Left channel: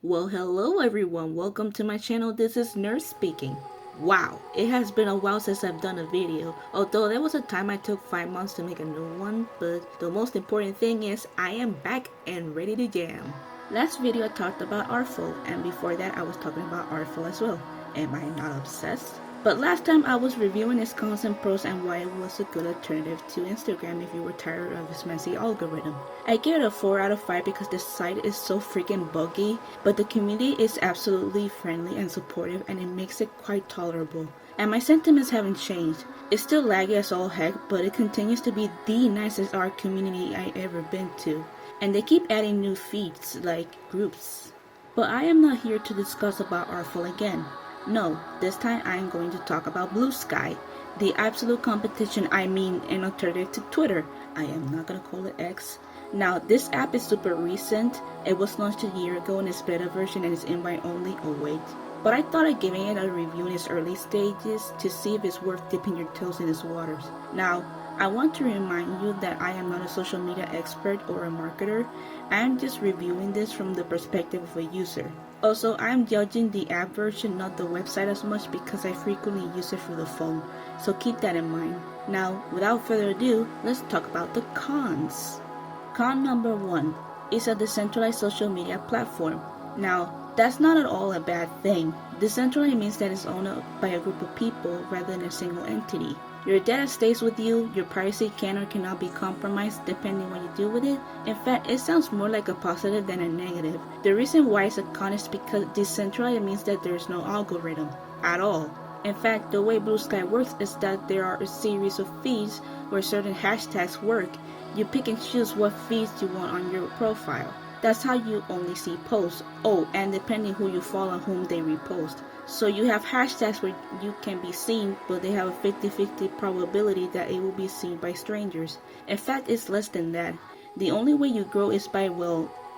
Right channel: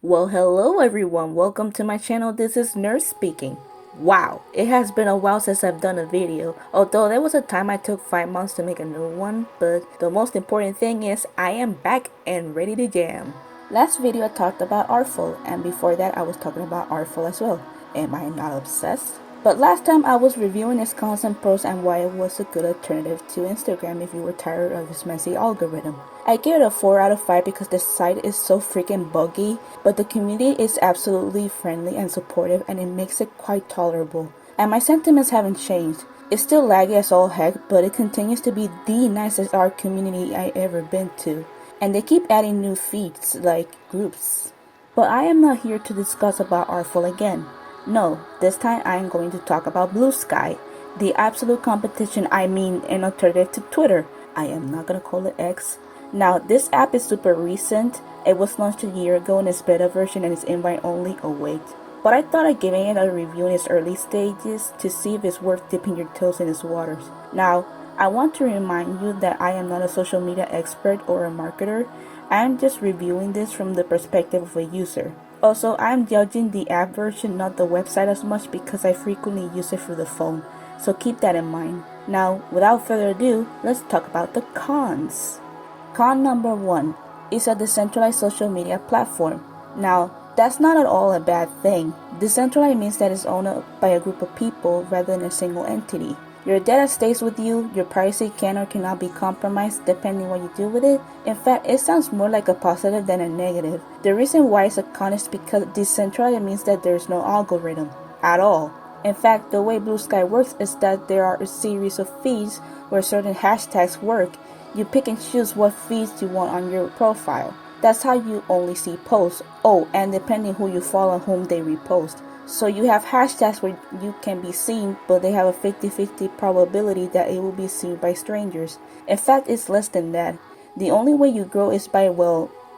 Well, hello everyone, welcome to my channel. This is N.E.R.V speaking. Wow, it has been a while since I've done a video, although there was a time I took 5 months to make a new one, but the most important thing is I am back and ready to jam. Last video I talked about Artful, and before that I was talking about Artful as well. Am I not obsessed? But last time I was reviewing its cons and pros and why it was a good alternative to Instagram if you were tired of its messy algorithm. I give it a 4 out of 5 because the site is so freaking buggy, but the community is absolutely friendly and supportive and it makes it quite tolerable. And my sentiments haven't changed. It's still laggy as all heck, but it continues to be the nicest art community I ever been to. And they keep adding new feats like groups. But I am not here to discuss about Artful again. No, this time I am going to talk about Bluesky, the absolute competition, an alternative to Twitter. I am not gonna call it X. Now, this app is super recent. It was launched a year ago in its beta version and is invite only. Oh wait. But I thought of giving it a review in its early stages to see if it's worth dipping your toes in its waters. Now, I want to remind you that I am not a social media expert or a marketer. I am just reviewing this from the perspective of a user. Also, I am judging the app version, not the website as much because I frequently use it through the phone, so keep that in mind. Now, without further ado, let's talk about the cons. Con number 1 is a decentralized social media platform. Now, that's not at all a bad thing. Decentralized means that it's owned by a group of people rather than a single entity. Your data stays with you, your privacy can or cannot be compromised depending what you do with it. In fact, it sounds more like a positive than a negative. The reason why it's a con is because decentralized means that there's no algorithm at all. In fact, the way Bluesky works is that there are a series of feeds where certain hashtags work. You pick and choose what feeds you want on your profile. That's how you only see posts. Oh, and depending who you follow and whom they repost. So you have hashtags where you can be seen, but they have a 50-50 probability that it will be seen by strangers. In fact, it's less than that. The only way you grow is by,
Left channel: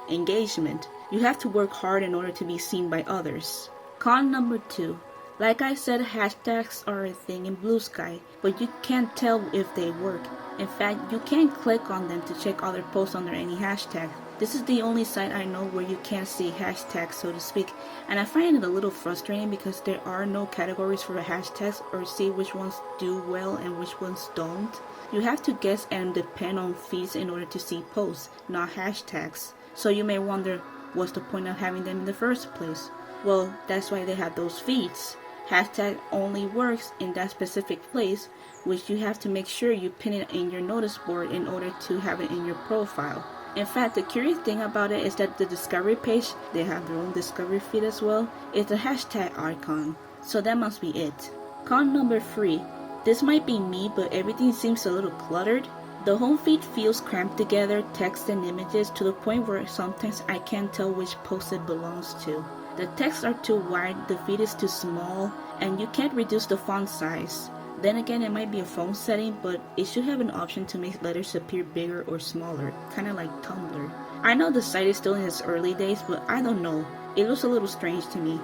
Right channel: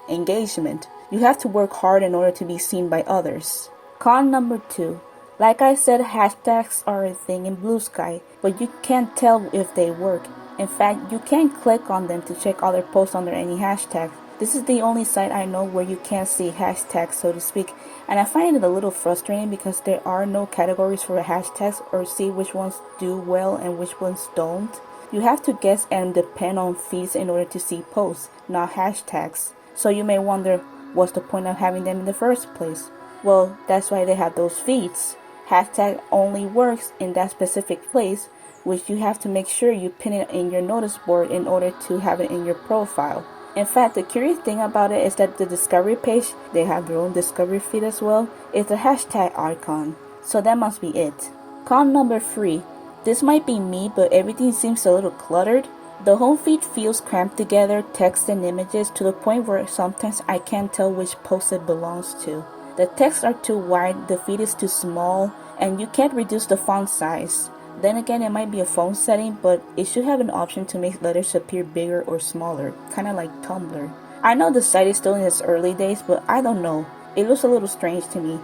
engagement. You have to work hard in order to be seen by others. Con number 2. Like I said, hashtags are a thing in Bluesky, but you can't tell if they work. In fact, you can't click on them to check other posts under any hashtag. This is the only site I know where you can't see hashtags, so to speak, and I find it a little frustrating because there are no categories for the hashtags or see which ones do well and which ones don't. You have to guess and depend on feeds in order to see posts, not hashtags. So you may wonder, what's the point of having them in the first place? Well, that's why they have those feeds. Hashtag only works in that specific place, which you have to make sure you pin it in your notice board in order to have it in your profile. In fact, the curious thing about it is that the discovery page, they have their own discovery feed as well, is a hashtag icon. So that must be it. Con number 3. This might be me, but everything seems a little cluttered. The home feed feels cramped together, text and images, to the point where sometimes I can't tell which post it belongs to. The texts are too wide, the feed is too small, and you can't reduce the font size. Then again, it might be a phone setting, but it should have an option to make letters appear bigger or smaller, kinda like Tumblr. I know the site is still in its early days, but I don't know. It looks a little strange to me.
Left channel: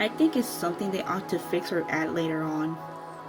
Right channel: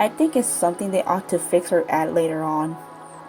I think it's something they ought to fix or add later on.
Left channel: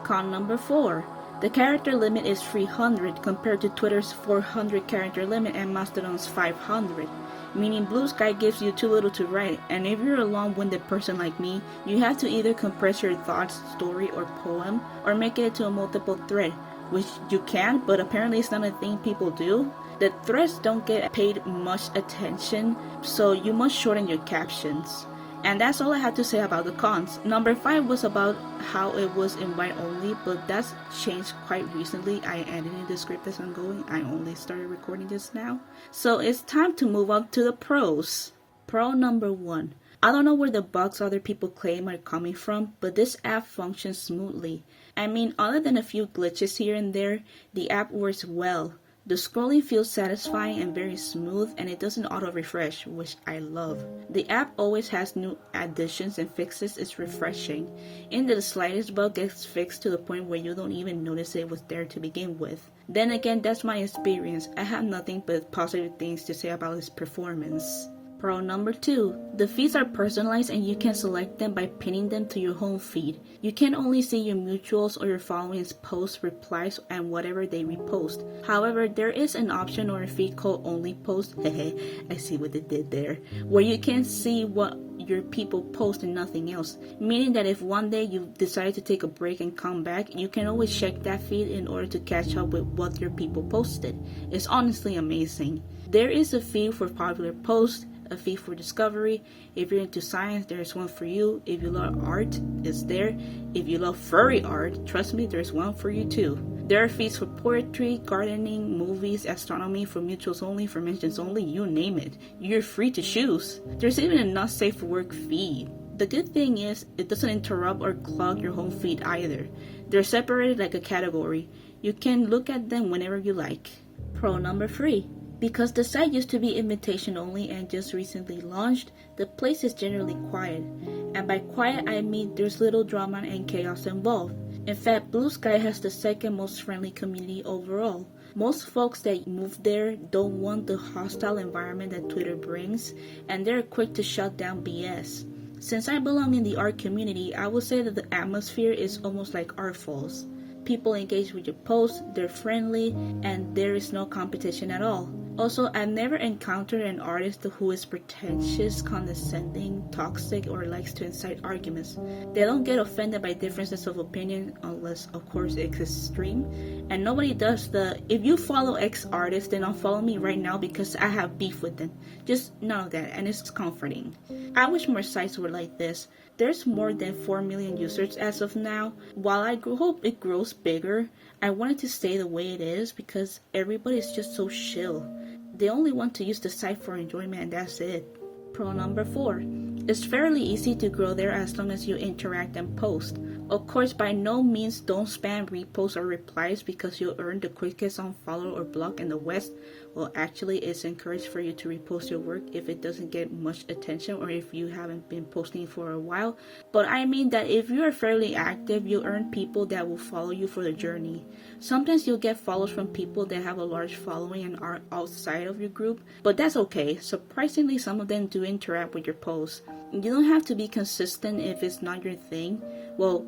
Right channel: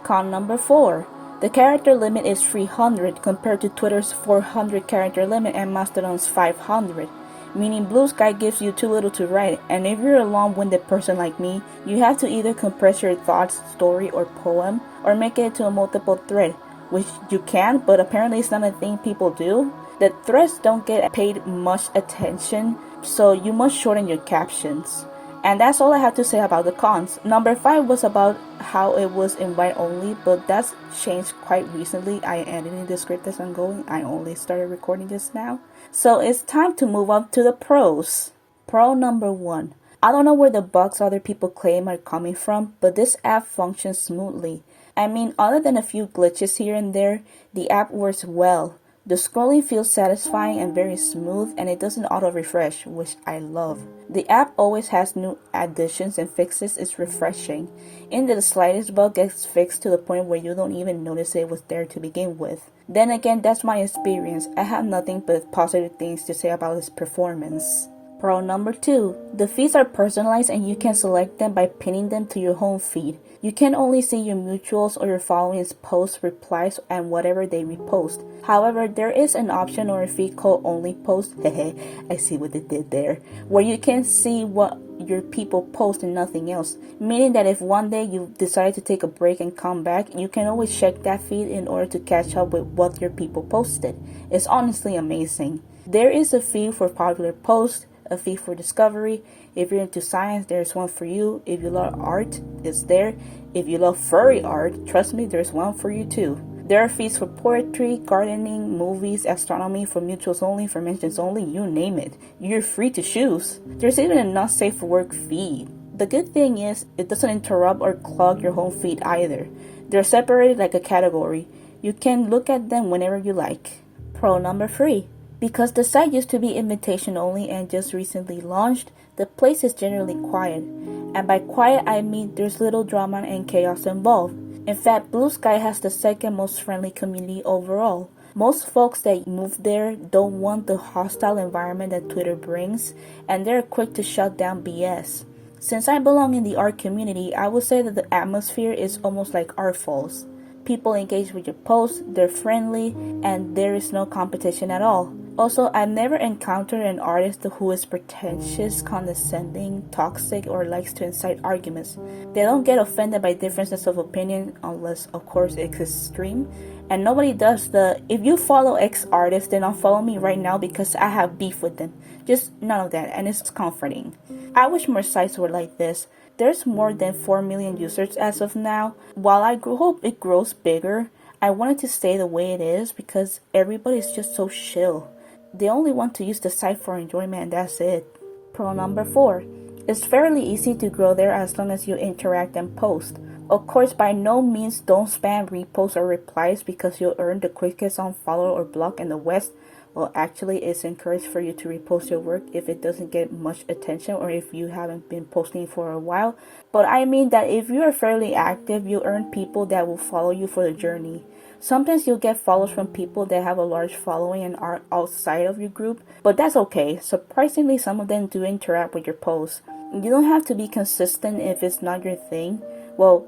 Con number 4. The character limit is 300 compared to Twitter's 400 character limit and Mastodon's 500. Meaning Bluesky gives you too little to write, and if you're a long-winded person like me, you have to either compress your thoughts, story, or poem, or make it into a multiple thread, which you can, but apparently it's not a thing people do. The threads don't get paid much attention, so you must shorten your captions. And that's all I have to say about the cons. Number 5 was about how it was invite only, but that's changed quite recently. I am editing the script as I'm going. I only started recording this now. So it's time to move on to the pros. Pro number 1. I don't know where the bugs other people claim are coming from, but this app functions smoothly. Other than a few glitches here and there, the app works well. The scrolling feels satisfying and very smooth, and it doesn't auto-refresh, which I love. The app always has new additions and fixes. It's refreshing. And the slightest bug gets fixed to the point where you don't even notice it was there to begin with. Then again, that's my experience. I have nothing but positive things to say about its performance. Pro number 2. The feeds are personalized and you can select them by pinning them to your home feed. You can only see your mutuals or your followings' posts, replies, and whatever they repost. However, there is an option or a feed called only post, I see what they did there, where you can see what your people post and nothing else. Meaning that if one day you decide to take a break and come back, you can always check that feed in order to catch up with what your people posted. It's honestly amazing. There is a feed for popular posts, a feed for discovery. If you're into science, there's one for you. If you love art, it's there. If you love furry art, trust me, there's one for you too. There are feeds for poetry, gardening, movies, astronomy, for mutuals only, for mentions only, you name it. You're free to choose. There's even a not safe for work feed. The good thing is, it doesn't interrupt or clog your home feed either. They're separated like a category. You can look at them whenever you like. Pro number 3. Because the site used to be invitation only and just recently launched, the place is generally quiet. And by quiet, I mean there's little drama and chaos involved. In fact, Bluesky has the second most friendly community overall. Most folks that move there don't want the hostile environment that Twitter brings, and they're quick to shut down BS. Since I belong in the art community, I would say that the atmosphere is almost like art falls. People engage with your posts, they're friendly, and there is no competition at all. Also, I've never encountered an artist who is pretentious, condescending, toxic, or likes to incite arguments. They don't get offended by differences of opinion unless, of course, it's extreme. And nobody does the, if you follow X artist, then unfollow me right now because I have beef with them. Just none of that, and it's comforting. I wish more sites were like this. There's more than 4 million users as of now. While I hope it grows bigger, I wanted to stay the way it is because everybody's just so chill. They only want to use the site for enjoyment and that's it. Pro number 4. It's fairly easy to grow there as long as you interact and post. Of course, by no means don't spam reposts or replies because you'll earn the quickest unfollow or block in the West. Well, actually, it's encouraged for you to repost your work if it doesn't get much attention or if you haven't been posting for a while. But I mean that if you are fairly active, you'll earn people that will follow you for the journey. Sometimes you'll get follows from people that have a large following and are outside of your group, but that's okay. Surprisingly, some of them do interact with your posts. You don't have to be consistent if it's not your thing. Well,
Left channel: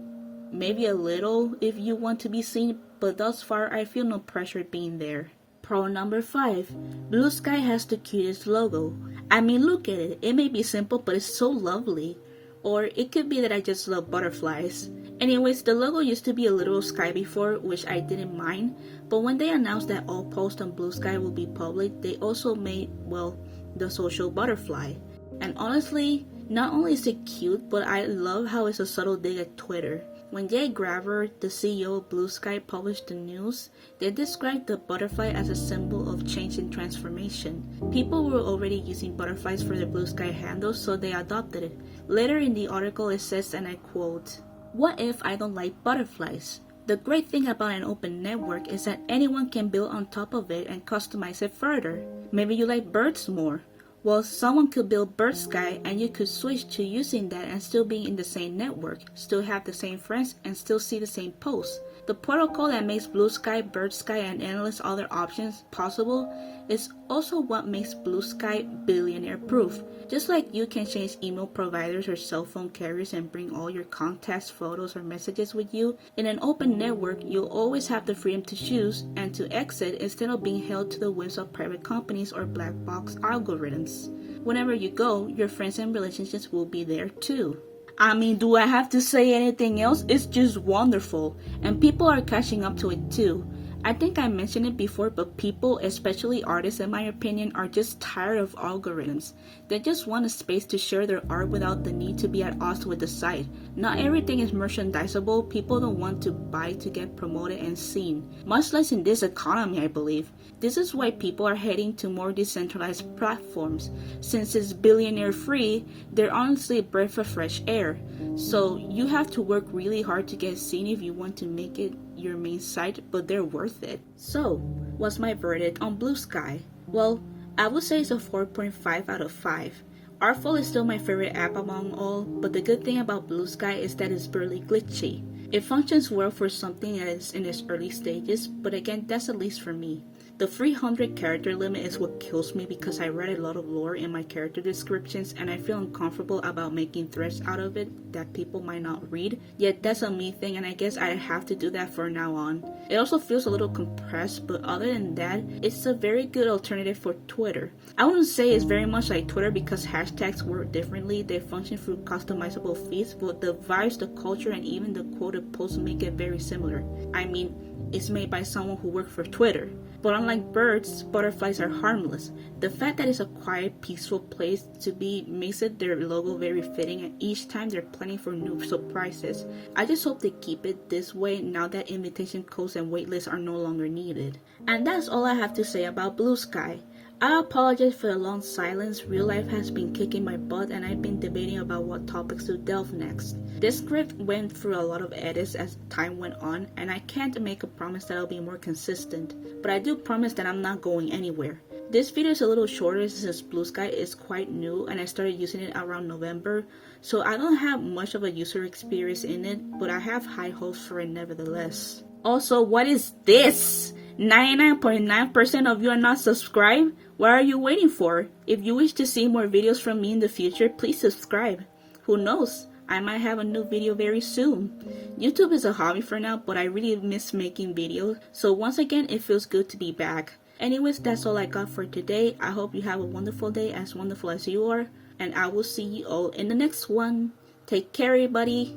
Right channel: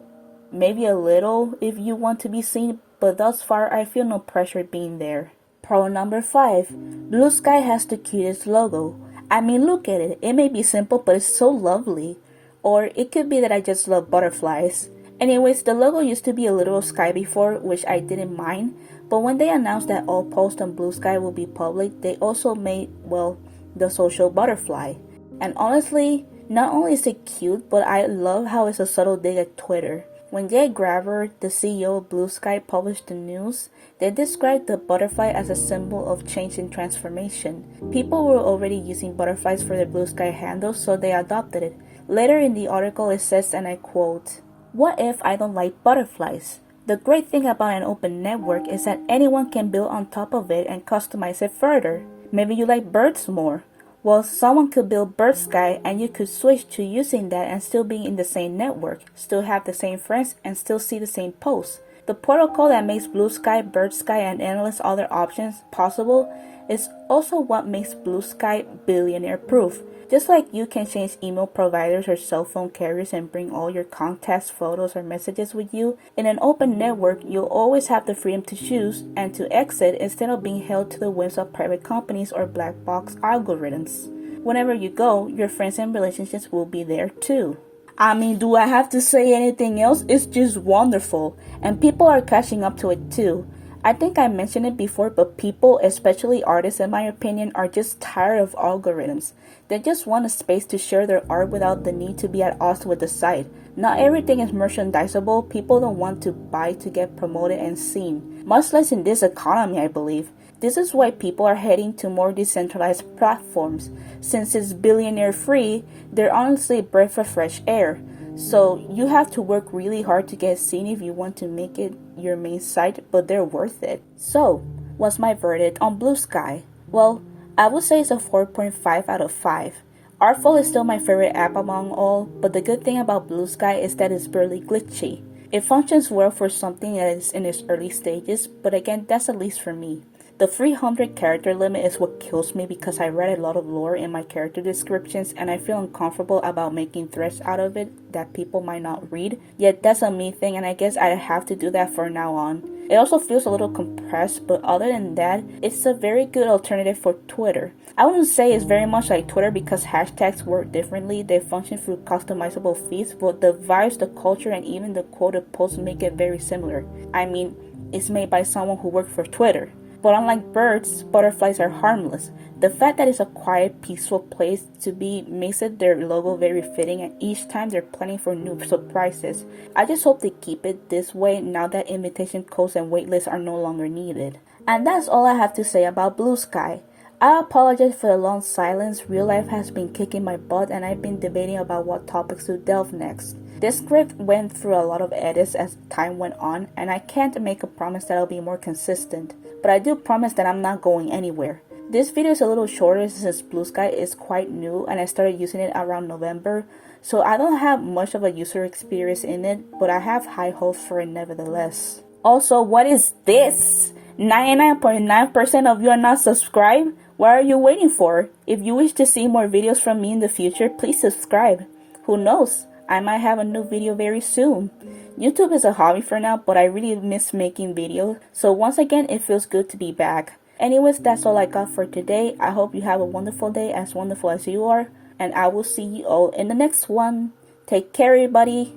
maybe a little if you want to be seen, but thus far I feel no pressure being there. Pro number 5. Bluesky has the cutest logo. I mean, look at it. It may be simple, but it's so lovely. Or it could be that I just love butterflies. Anyways, the logo used to be a literal sky before, which I didn't mind. But when they announced that all posts on Bluesky will be public, they also made, well, the social butterfly. And honestly, not only is it cute, but I love how it's a subtle dig at Twitter. When Jay Graver, the CEO of Bluesky, published the news, they described the butterfly as a symbol of change and transformation. People were already using butterflies for their Bluesky handles, so they adopted it. Later in the article it says, and I quote, "What if I don't like butterflies? The great thing about an open network is that anyone can build on top of it and customize it further. Maybe you like birds more. Well, someone could build Birdsky and you could switch to using that and still be in the same network, still have the same friends, and still see the same posts. The protocol that makes Bluesky, Birdsky, and endless other options possible is also what makes Bluesky billionaire-proof. Just like you can change email providers or cell phone carriers and bring all your contacts, photos, or messages with you, in an open network, you'll always have the freedom to choose and to exit instead of being held to the whims of private companies or black box algorithms. Whenever you go, your friends and relationships will be there too." I mean, do I have to say anything else? It's just wonderful, and people are catching up to it too. I think I mentioned it before, but people, especially artists in my opinion, are just tired of algorithms. They just want a space to share their art without the need to be at odds with the site. Not everything is merchandisable. People don't want to buy to get promoted and seen. Much less in this economy, I believe. This is why people are heading to more decentralized platforms. Since it's billionaire free, they're honestly a breath of fresh air. So you have to work really hard to get seen if you want to make it your main site, but they're worth it. So, what's my verdict on Bluesky? Well, I would say it's a 4.5 out of 5. Artful is still my favorite app among all, but the good thing about Bluesky is that it's barely glitchy. It functions well for something that is in its early stages, but again, that's at least for me. The 300 character limit is what kills me because I read a lot of lore in my character descriptions and I feel uncomfortable about making threads out of it that people might not read. Yet that's a me thing and I guess I have to do that from now on. It also feels a little compressed, but other than that, it's a very good alternative for Twitter. I wouldn't say it's very much like Twitter because hashtags work differently. They function through customizable feeds, but the vibes, the culture, and even the quoted posts make it very similar. I mean, it's made by someone who worked for Twitter. But unlike birds, butterflies are harmless. The fact that it's a quiet, peaceful place to be makes it their logo very fitting, and each time they're planning for new surprises. I just hope they keep it this way now that invitation codes and waitlists are no longer needed. And that's all I have to say about Bluesky. I apologize for the long silence. Real life has been kicking my butt and I've been debating about what topics to delve next. This script went through a lot of edits as time went on and I can't make a promise that I'll be more consistent, but I do promise that I'm not going anywhere. This video is a little shorter since Bluesky is quite new and I started using it around November, so I don't have much of a user experience in it, but I have high hopes for it nevertheless. Also, what is this? 99.9% of you are not subscribed? What are you waiting for? If you wish to see more videos from me in the future, please subscribe. Who knows? I might have a new video very soon. YouTube is a hobby for now, but I really miss making videos, so once again, it feels good to be back. Anyways, that's all I got for today. I hope you have a wonderful day, as wonderful as you are, and I will see you all in the next one. Take care, everybody.